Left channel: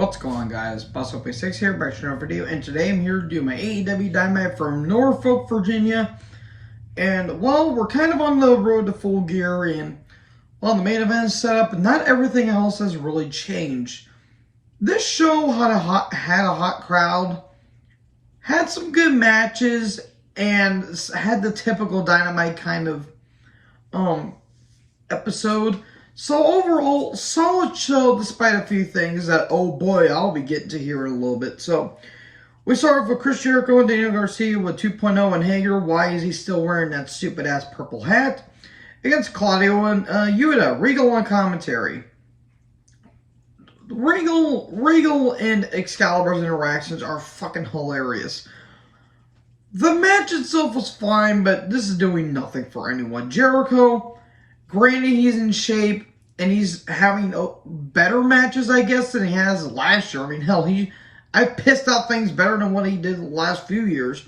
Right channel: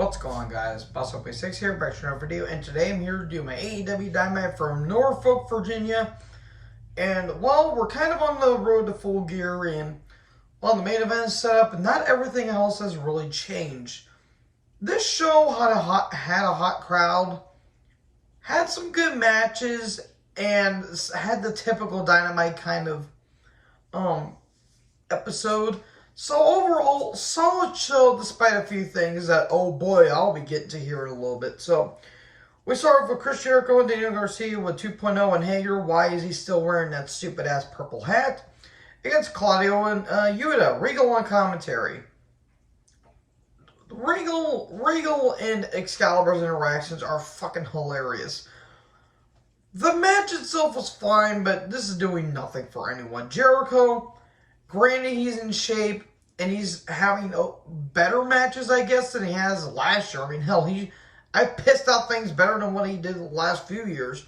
What's going on, guys? BossOP6 here, back to another video, and today I'm here to do my AEW Dynamite from Norfolk, Virginia. And, well, we're kind of on the road to full gear, and, well, the main event is set up, and not everything else has really changed. This show had a hot crowd, had some good matches, and had the typical Dynamite kind of episode. So overall, solid show despite a few things that, oh boy, I'll be getting to here in a little bit. So we start off with Chris Jericho and Daniel Garcia with 2.0 and Hager. Why is he still wearing that stupid ass purple hat? Against Claudio and Yuta. Regal on commentary. Regal and Excalibur's interactions are fucking hilarious. The match itself was fine, but this is doing nothing for anyone. Jericho, granted he's in shape, and he's having better matches, I guess, than he has last year. I mean, hell, I pissed out things better than what he did the last few years.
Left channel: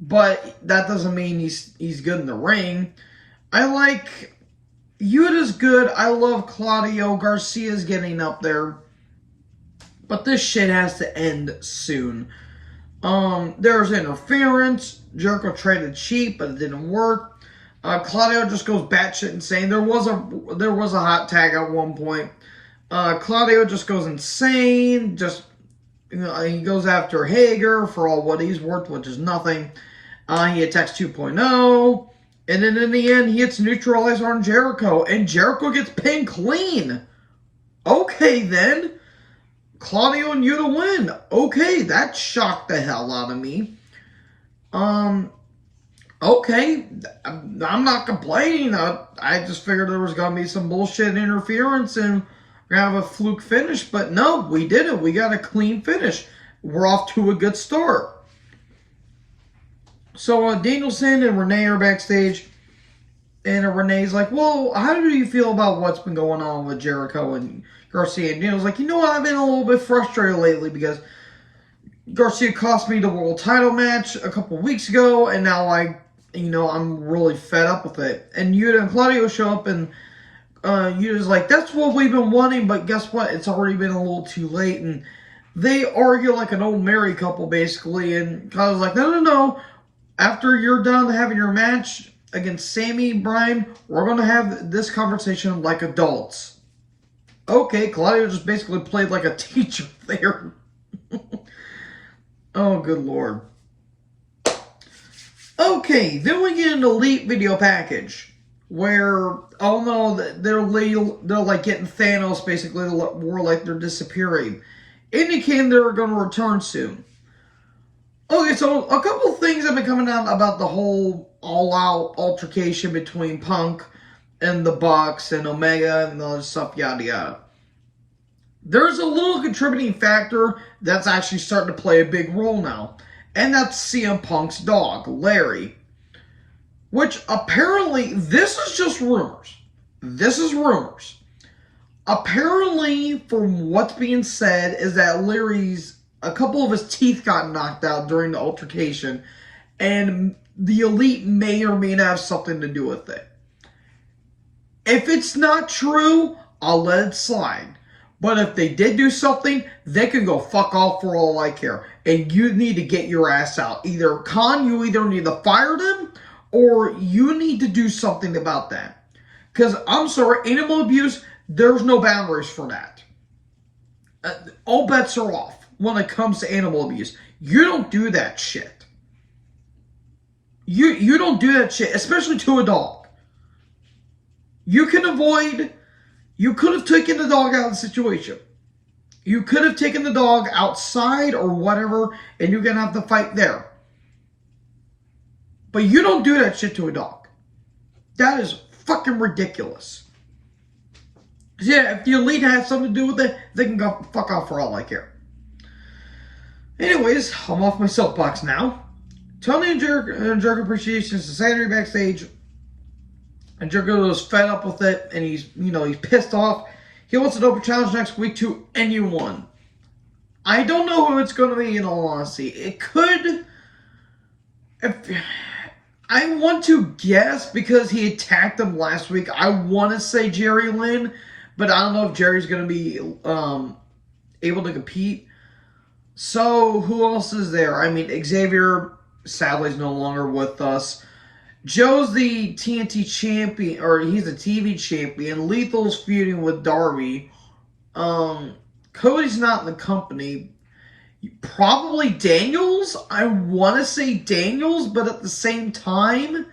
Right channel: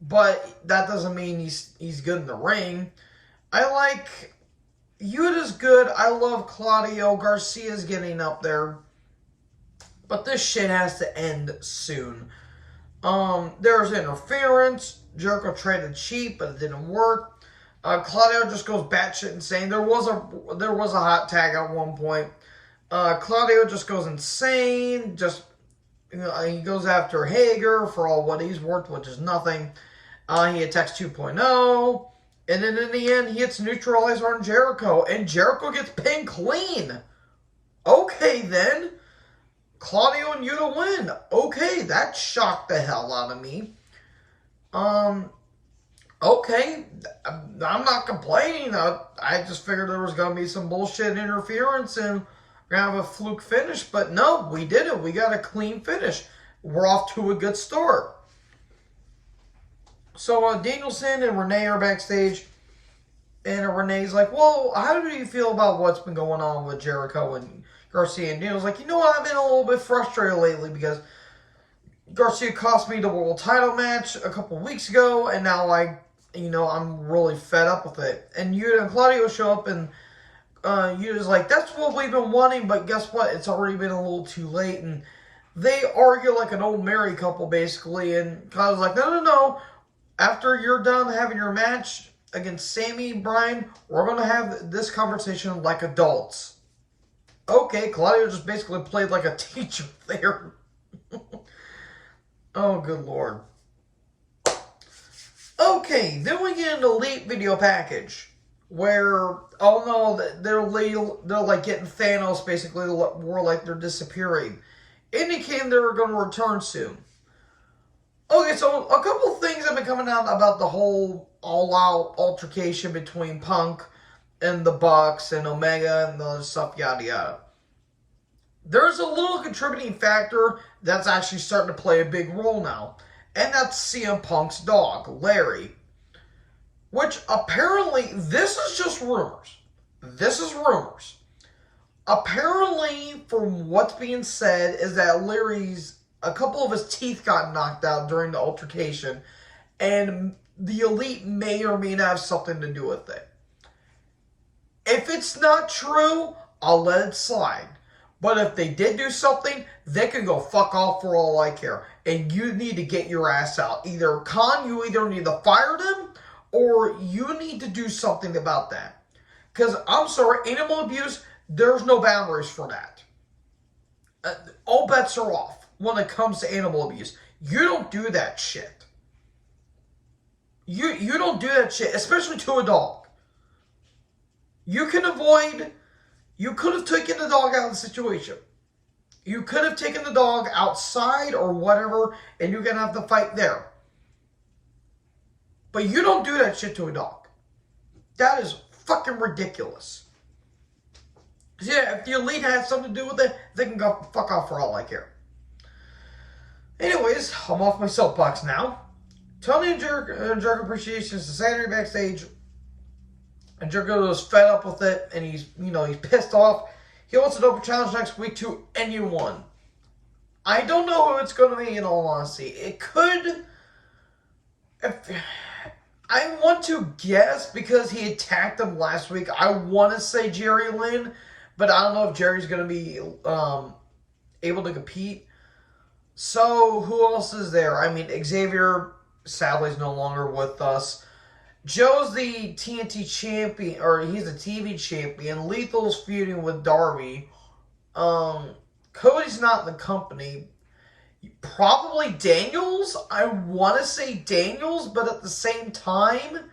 But that doesn't mean he's good in the ring. I like Yuta's good. I love Claudio. Garcia's getting up there. But this shit has to end soon. There's interference. Jericho traded cheap, but it didn't work. Claudio just goes batshit insane. There was a hot tag at one point. Claudio just goes insane. He goes after Hager for all what he's worth, which is nothing. He attacks 2.0. And then in the end, he hits neutralizer on Jericho. And Jericho gets pinned clean. Okay, then. Claudio and Yuta win. Okay, that shocked the hell out of me. Okay, I'm not complaining. I just figured there was going to be some bullshit interference and we're going to have a fluke finish. But no, we didn't. We got a clean finish. We're off to a good start. So Danielson and Renee are backstage. And Renee's like, well, how do you feel about what's been going on with Jericho and Garcia? And Daniel's like, you know what? I've been a little bit frustrated lately because Garcia cost me the world title match a couple weeks ago. And now I'm really fed up with it. And Yuta and Claudio show up, and Yuta's like, that's what we've been wanting, but guess what? It's already been a little too late. And they argue like an old married couple, basically. And Claudio's like, no. After you're done having your match against Sammy, Brian, we're going to have this conversation like adults. Okay, Claudio just basically played like a teacher there. Oh, good Lord. Okay, then we get an Elite video package where, oh no, they're like getting Thanos, basically, more like they're disappearing, indicating they're going to return soon. Okay, so a couple things have been coming out about the whole all-out altercation between Punk and the Bucks and Omega and all this stuff, yada yada. There's a little contributing factor that's actually starting to play a big role now. And that's CM Punk's dog, Larry. Which apparently, this is just rumors. This is rumors. Apparently, from what's being said, is that a couple of his teeth got knocked out during the altercation. And the Elite may or may not have something to do with it. If it's not true, I'll let it slide. But if they did do something, they can go fuck off for all I care. And you need to get your ass out. You either need to fire them, or you need to do something about that. Because, I'm sorry, animal abuse, there's no boundaries for that. All bets are off when it comes to animal abuse. You don't do that shit. You don't do that shit, especially to a dog. You could have taken the dog out of the situation. You could have taken the dog outside or whatever, and you're going to have to fight there. But you don't do that shit to a dog. That is fucking ridiculous. Yeah, if the Elite has something to do with it, they can go fuck off for all I care. Anyways, I'm off my soapbox now. Tony and Jericho Appreciation Society backstage. And Jericho is fed up with it, and he's pissed off. He wants an open challenge next week to anyone. I don't know who it's going to be, in all honesty. It could... I want to guess, because he attacked him last week, I want to say Jerry Lynn, but I don't know if Jerry's going to be able to compete. So, who else is there? I mean, Xavier, sadly, is no longer with us. Joe's the TNT champion, or he's the TV champion. Lethal's feuding with Darby. Cody's not in the company. Probably Daniels? I want to say Daniels, but at the same time,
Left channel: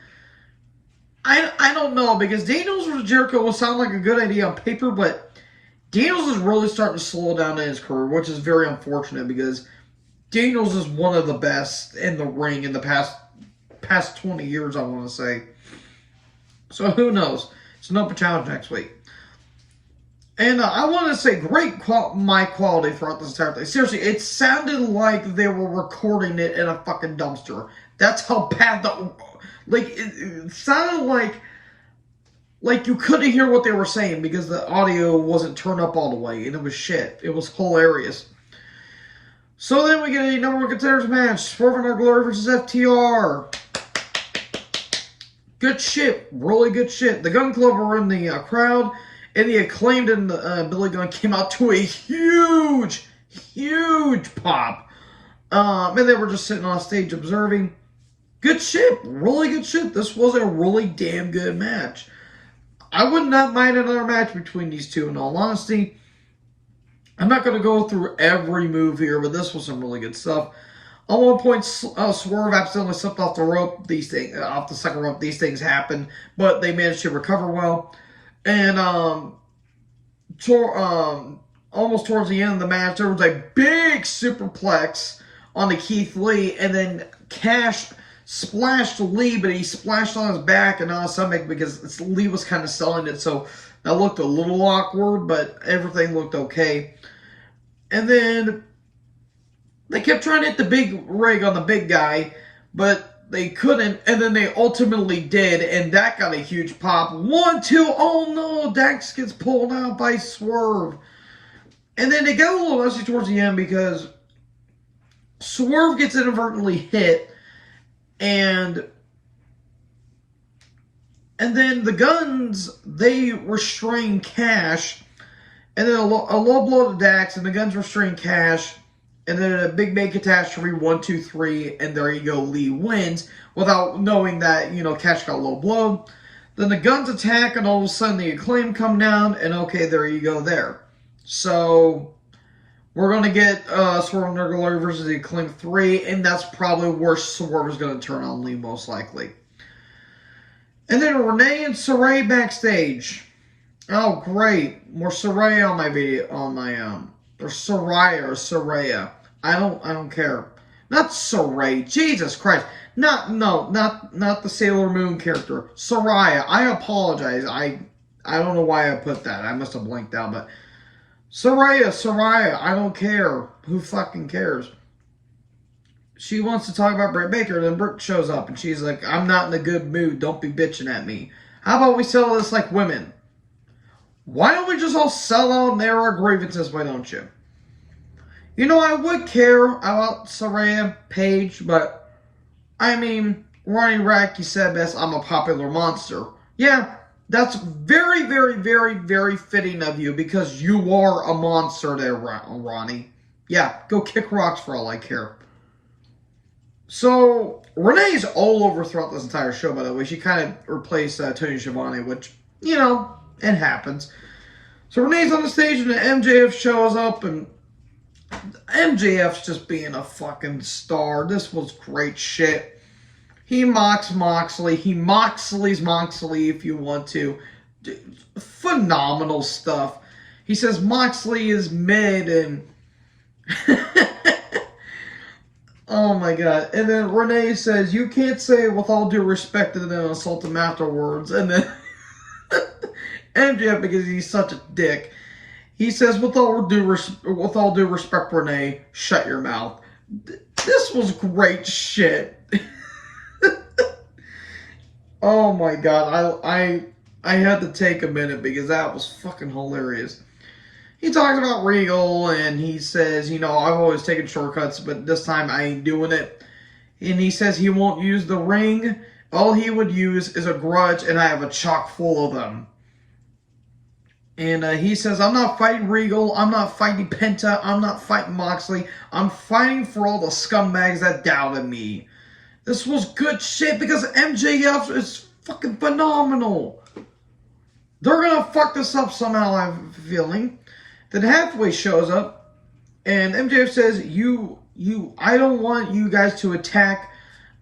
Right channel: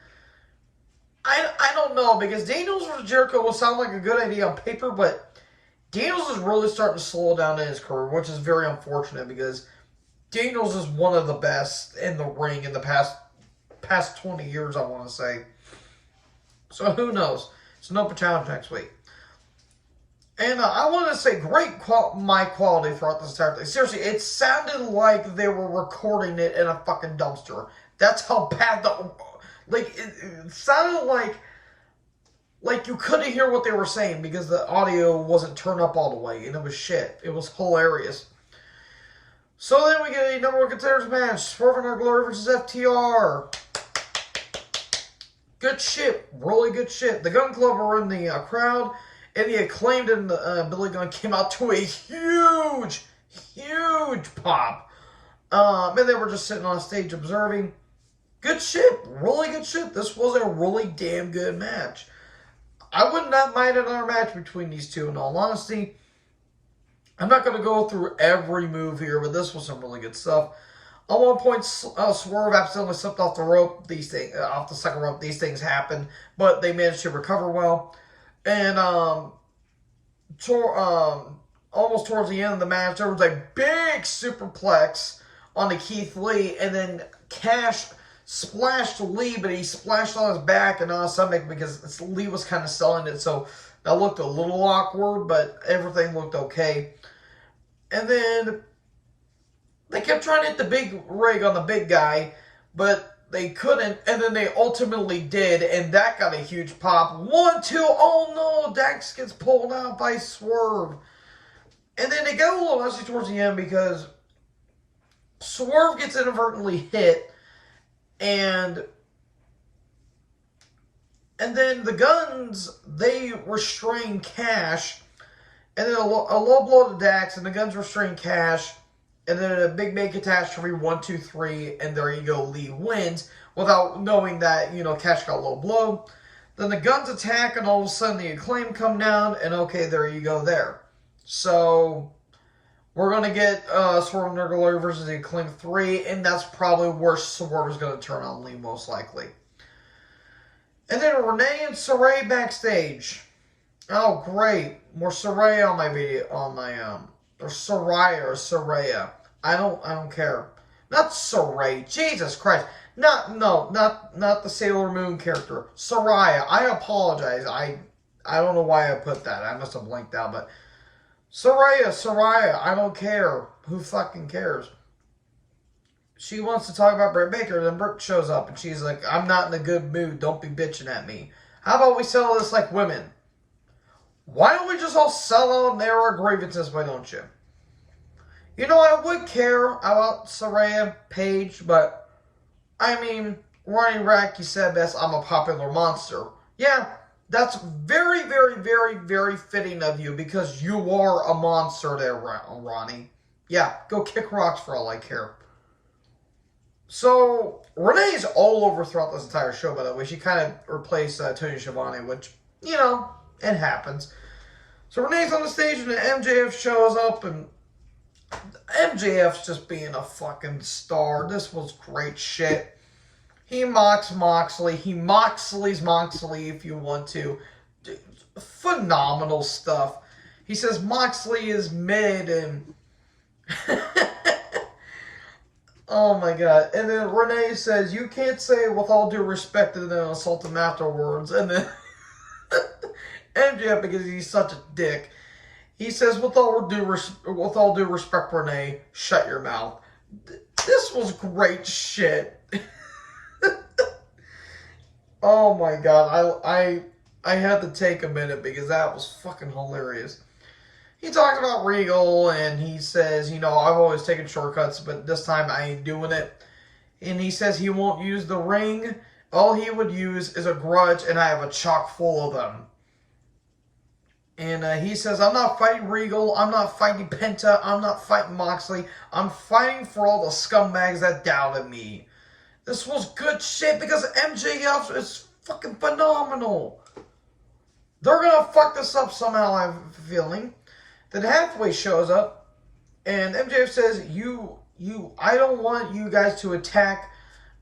I don't know, because Daniels versus Jericho will sound like a good idea on paper, but Daniels is really starting to slow down in his career, which is very unfortunate, because Daniels is one of the best in the ring in the past 20 years, I want to say. So who knows? It's an open challenge next week. And I want to say great mic quality throughout this entire thing. Seriously, it sounded like they were recording it in a fucking dumpster. That's how bad the... Like, it sounded like you couldn't hear what they were saying because the audio wasn't turned up all the way. And it was shit. It was hilarious. So then we get a number one contenders match. Swerve in Our Glory versus FTR. Good shit. Really good shit. The Gun Club were in the crowd. And the Acclaimed and Billy Gunn came out to a huge pop. And they were just sitting on stage observing. Good shit. Really good shit. This was a really damn good match. I would not mind another match between these two, in all honesty. I'm not going to go through every move here, but this was some really good stuff. At one point, Swerve accidentally slipped off the rope. Off the second rope. These things happen, but they managed to recover well. And almost towards the end of the match, there was a big superplex on the Keith Lee, and then Cash splashed Lee, but he splashed on his back and on his stomach because Lee was kind of selling it, so that looked a little awkward, but everything looked okay. And then they kept trying to hit the big rig on the big guy, but they couldn't, and then they ultimately did, and that got a huge pop. 1, 2, oh no, Dax gets pulled out by Swerve. And then they got a little messy towards the end because Swerve gets inadvertently hit, and then the Guns, they restrain Cash, and then a low blow to Dax, and the Guns restrain Cash. And then a big catastrophe, 1, 2, 3, and there you go, Lee wins, without knowing that, Cash got a low blow. Then the Guns attack, and all of a sudden the Acclaim come down, and okay, there you go there. So, we're going to get Swerve in Our Glory versus the Acclaim 3, and that's probably where Swerve is going to turn on Lee, most likely. And then Renee and Sarray backstage. Oh, great. More Sarray on my video, or Saraya. I don't care. Not Saray. Jesus Christ. Not the Sailor Moon character. Saraya. I apologize. I don't know why I put that. I must have blanked out, but Saraya. I don't care. Who fucking cares? She wants to talk about Britt Baker, then Britt shows up and she's like, I'm not in a good mood. Don't be bitching at me. How about we settle this like women? Why don't we just all sell out and air our grievances? Why don't you? I would care about Saraya Paige, but, I mean, Ronnie Radke said best, I'm a popular monster. Yeah, that's very, very, very, very fitting of you, because you are a monster there, Ronnie. Yeah, go kick rocks for all I care. So, Renee's all over throughout this entire show, by the way. She kind of replaced Tony Schiavone, which, it happens. So Renee's on the stage and the MJF shows up, and MJF's just being a fucking star. This was great shit. He mocks Moxley. He Moxley's Moxley if you want to. Phenomenal stuff. He says Moxley is mid, and oh my god. And then Renee says, you can't say with all due respect and then insult him afterwards. And then MJF, because he's such a dick, he says, with all due respect, Renee, shut your mouth. This was great shit. Oh my god, I had to take a minute because that was fucking hilarious. He talks about Regal, and he says, I've always taken shortcuts, but this time I ain't doing it. And he says he won't use the ring. All he would use is a grudge, and I have a chock full of them. And he says, I'm not fighting Regal, I'm not fighting Penta, I'm not fighting Moxley, I'm fighting for all the scumbags that doubted me. This was good shit because MJF is fucking phenomenal. They're gonna fuck this up somehow, I have a feeling. Then Hathaway shows up, and MJF says, I don't want you guys to attack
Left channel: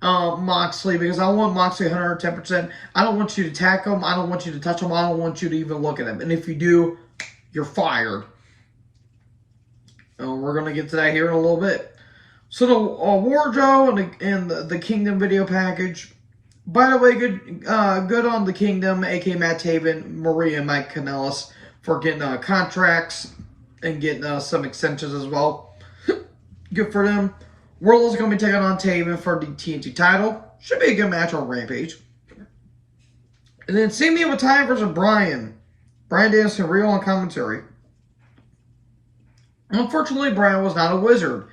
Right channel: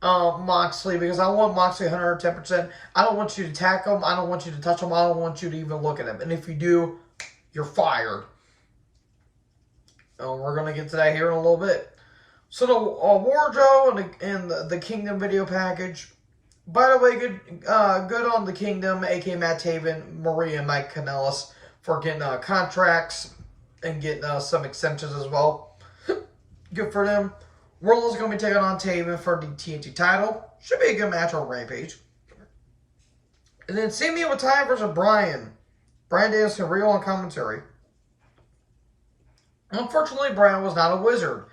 Moxley because I want Moxley 110%. I don't want you to attack him. I don't want you to touch him. I don't want you to even look at him. And if you do, you're fired. We're going to get to that here in a little bit. So the Wardrobe and the Kingdom video package. By the way, good on the Kingdom, a.k.a. Matt Taven, Maria, and Mike Kanellis for getting contracts and getting some extensions as well. Good for them. World is going to be taking on Taven for the TNT title. Should be a good match on Rampage. And then Sami Zayn versus Bryan. Bryan Danielson, real on commentary. Unfortunately, Bryan was not a wizard.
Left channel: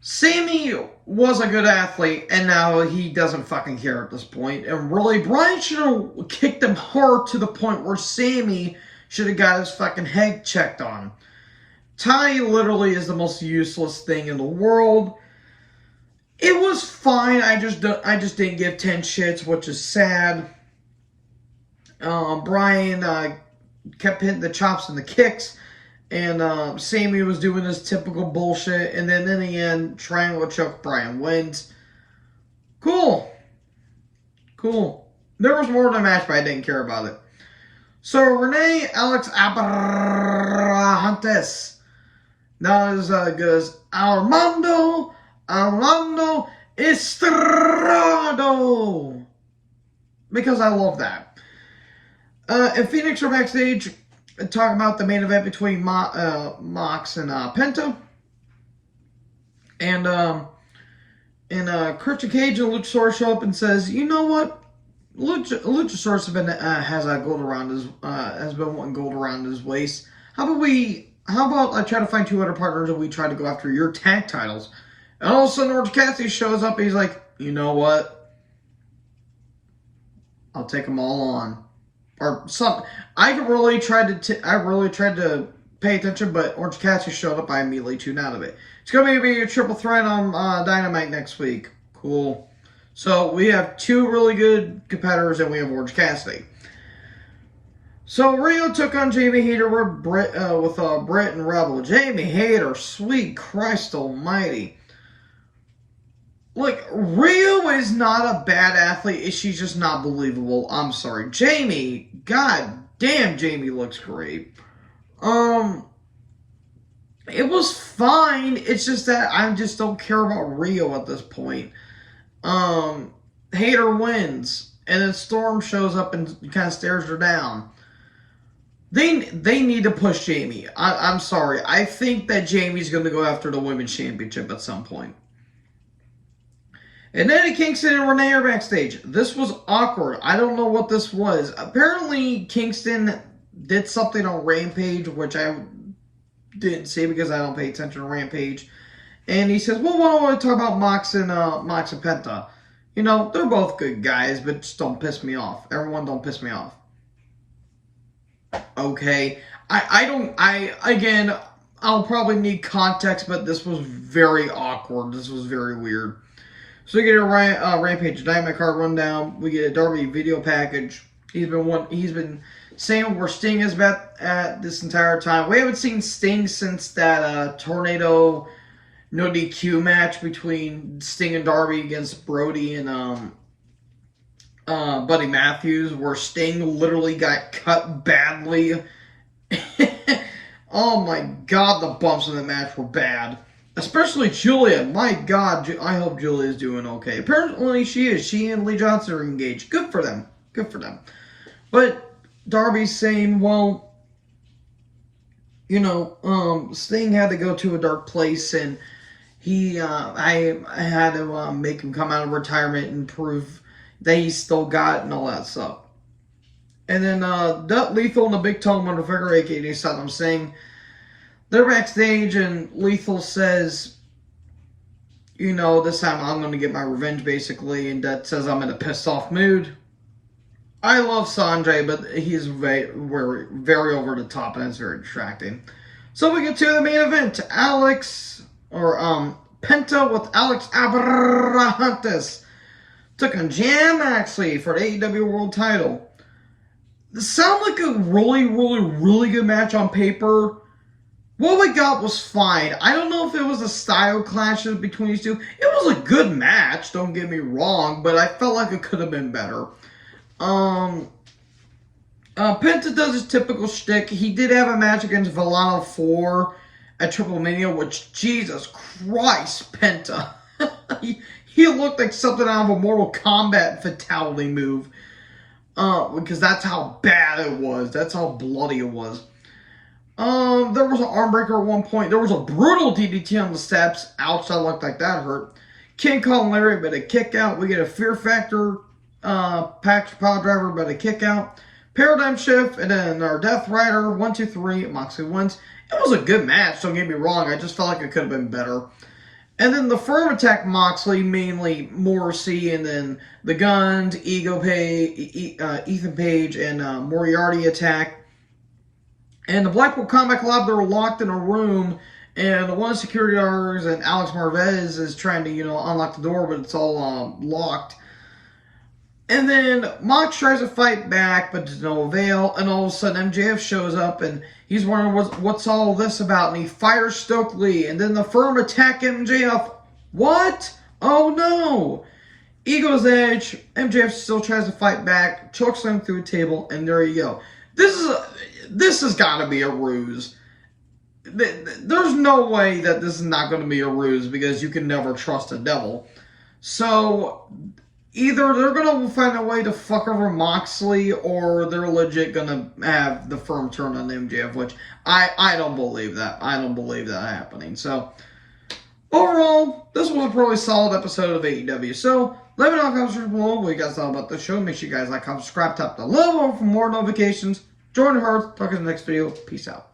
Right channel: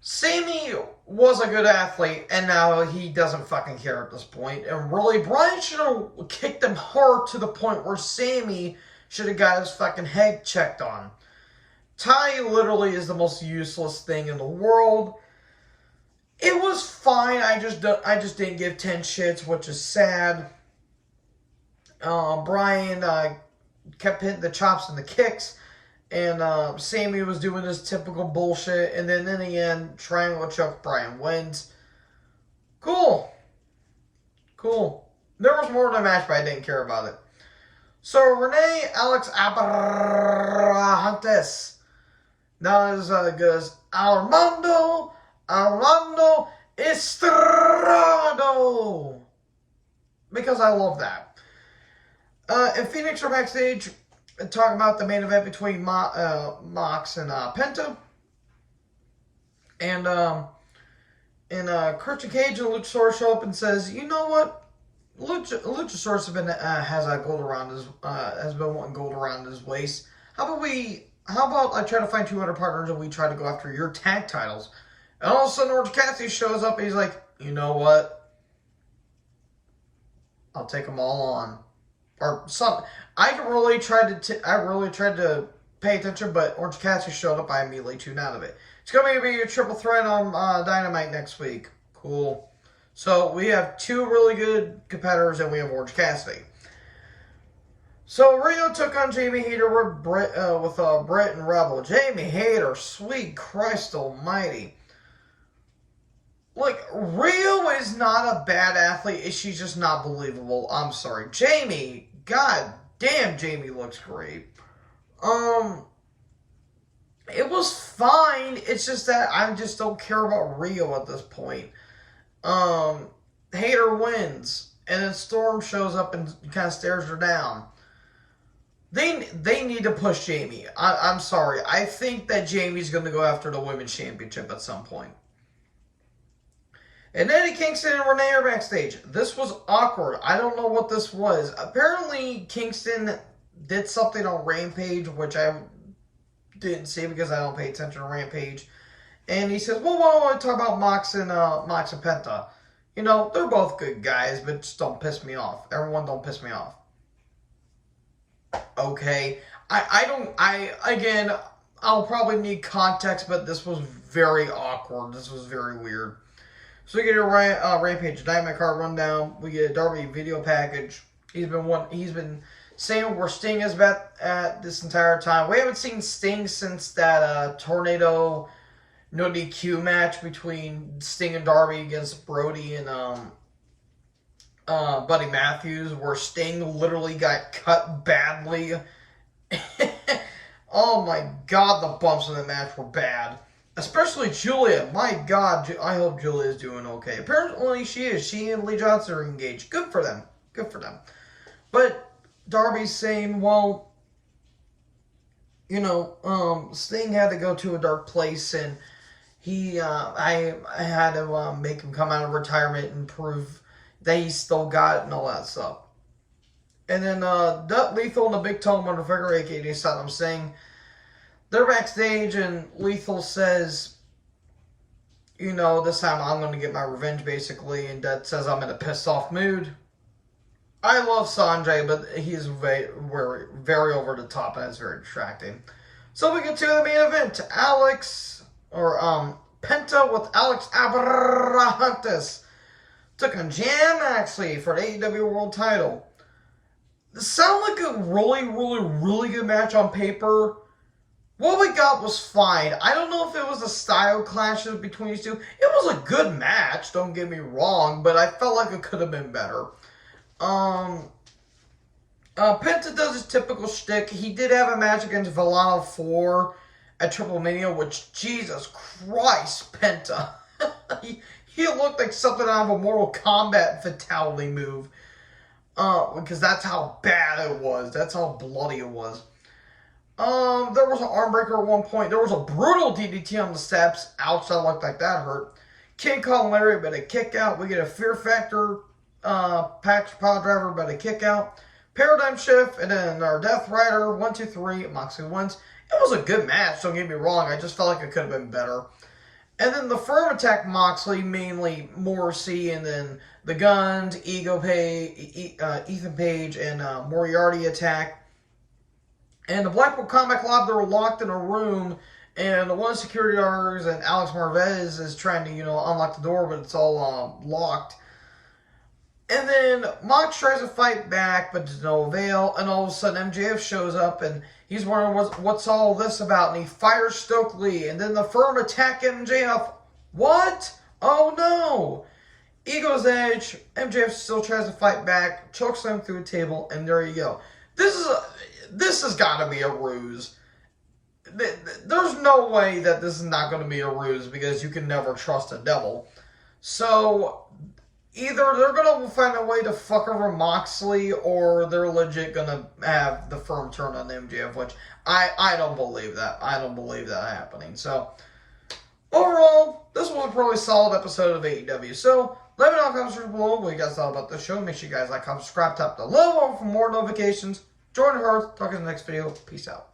Sami was a good athlete, and now he doesn't fucking care at this point. And really, Bryan should have kicked him hard to the point where Sami should have got his fucking head checked on. Ty literally is the most useless thing in the world. It was fine. I just didn't give 10 shits, which is sad. Bryan kept hitting the chops and the kicks, and Sami was doing his typical bullshit. And then in the end, Triangle Choke, Bryan wins. Cool. There was more to the match, but I didn't care about it. So Renee Alex Abrahantes. Not as good as Armando Estrado. Because I love that. And Phoenix are backstage talking about the main event between Mox and Penta. And Christian Cage and Luchasaurus show up and says, you know what? Luchasaurus has gold around his has been wanting gold around his waist. How about I try to find 200 partners and we try to go after your tag titles? And all of a sudden, Orange Cassidy shows up and he's like, you know what? I'll take them all on. Or something. I really tried to pay attention, but Orange Cassidy showed up. I immediately tuned out of it. It's going to be a triple threat on Dynamite next week. Cool. So we have 2 really good competitors and we have Orange Cassidy. So Rio took on Jamie Hayter with Britt and Rebel. Jamie Hayter, sweet Christ almighty. Look, Rio is not a bad athlete. She's just not believable. I'm sorry. Jamie, god damn, Jamie looks great. It was fine. It's just that I just don't care about Rio at this point. Hayter wins. And then Storm shows up and kind of stares her down. They need to push Jamie. I'm sorry. I think that Jamie's going to go after the Women's Championship at some point. And Eddie Kingston and Renee are backstage. This was awkward. I don't know what this was. Apparently, Kingston did something on Rampage, which I didn't see because I don't pay attention to Rampage. And he says, well, why don't we talk about Mox and Penta? You know, they're both good guys, but just don't piss me off. Everyone don't piss me off. Okay. Again, I'll probably need context, but this was very awkward. This was very weird. So we get a Rampage Dynamite card rundown. We get a Darby video package. He's been saying where Sting is at this entire time. We haven't seen Sting since that Tornado no DQ match between Sting and Darby against Brody and Buddy Matthews, where Sting literally got cut badly. Oh my god, the bumps in the match were bad. Especially Julia. My god, I hope Julia is doing okay. Apparently she is. She and Lee Johnson are engaged. Good for them. Good for them. But Darby's saying, well, you know, Sting had to go to a dark place, and I had to make him come out of retirement and prove that he still got it and all that stuff. And then Lethal and the Big Toe Motherfucker, a.k.a. Saddam Singh, they're backstage, and Lethal says, you know, this time I'm going to get my revenge, basically, and Dutt says I'm in a pissed off mood. I love Sanjay, but he's very over the top, and it's very distracting. So we get to the main event. Penta with Alex Abrahantes took on Jon Moxley for the AEW World Title. This sounded like a really good match on paper. What we got was fine. I don't know if it was the style clashes between these two. It was a good match, don't get me wrong, but I felt like it could have been better. Penta does his typical shtick. He did have a match against Villano 4 at Triple Mania, which, Jesus Christ, Penta. he looked like something out of a Mortal Kombat fatality move. Because that's how bad it was. That's how bloody it was. There was an arm breaker at one point. There was a brutal DDT on the steps. Ouch, that looked like that hurt. King Kong Larry, but a kick out. We get a Fear Factor package pile driver, but a kick out. Paradigm Shift, and then our Death Rider, 1, 2, 3, Moxley wins. It was a good match, don't get me wrong. I just felt like it could have been better. And then the firm attacked Moxley, mainly Morrissey, and then the Guns, Ethan Page, and Moriarty attack. And the Blackpool Combat Club, they were locked in a room, and one of the security guards and Alex Marvez is trying to, unlock the door, but it's all locked. And then Mox tries to fight back, but to no avail. And all of a sudden, MJF shows up, and he's wondering what's all this about. And he fires Stokely, and then the firm attack MJF. What? Oh no! Ego's Edge. MJF still tries to fight back, chokeslam through a table, and there you go. This has got to be a ruse. There's no way that this is not going to be a ruse, because you can never trust a devil. So either they're going to find a way to fuck over Moxley, or they're legit going to have the firm turn on MJF, which I don't believe that. I don't believe that happening. So overall, this was a probably solid episode of AEW. So let me know in the comments below what you guys thought about the show. Make sure you guys like, comment, subscribe, tap the little bell for more notifications. Join the herd. Talk in the next video. Peace out.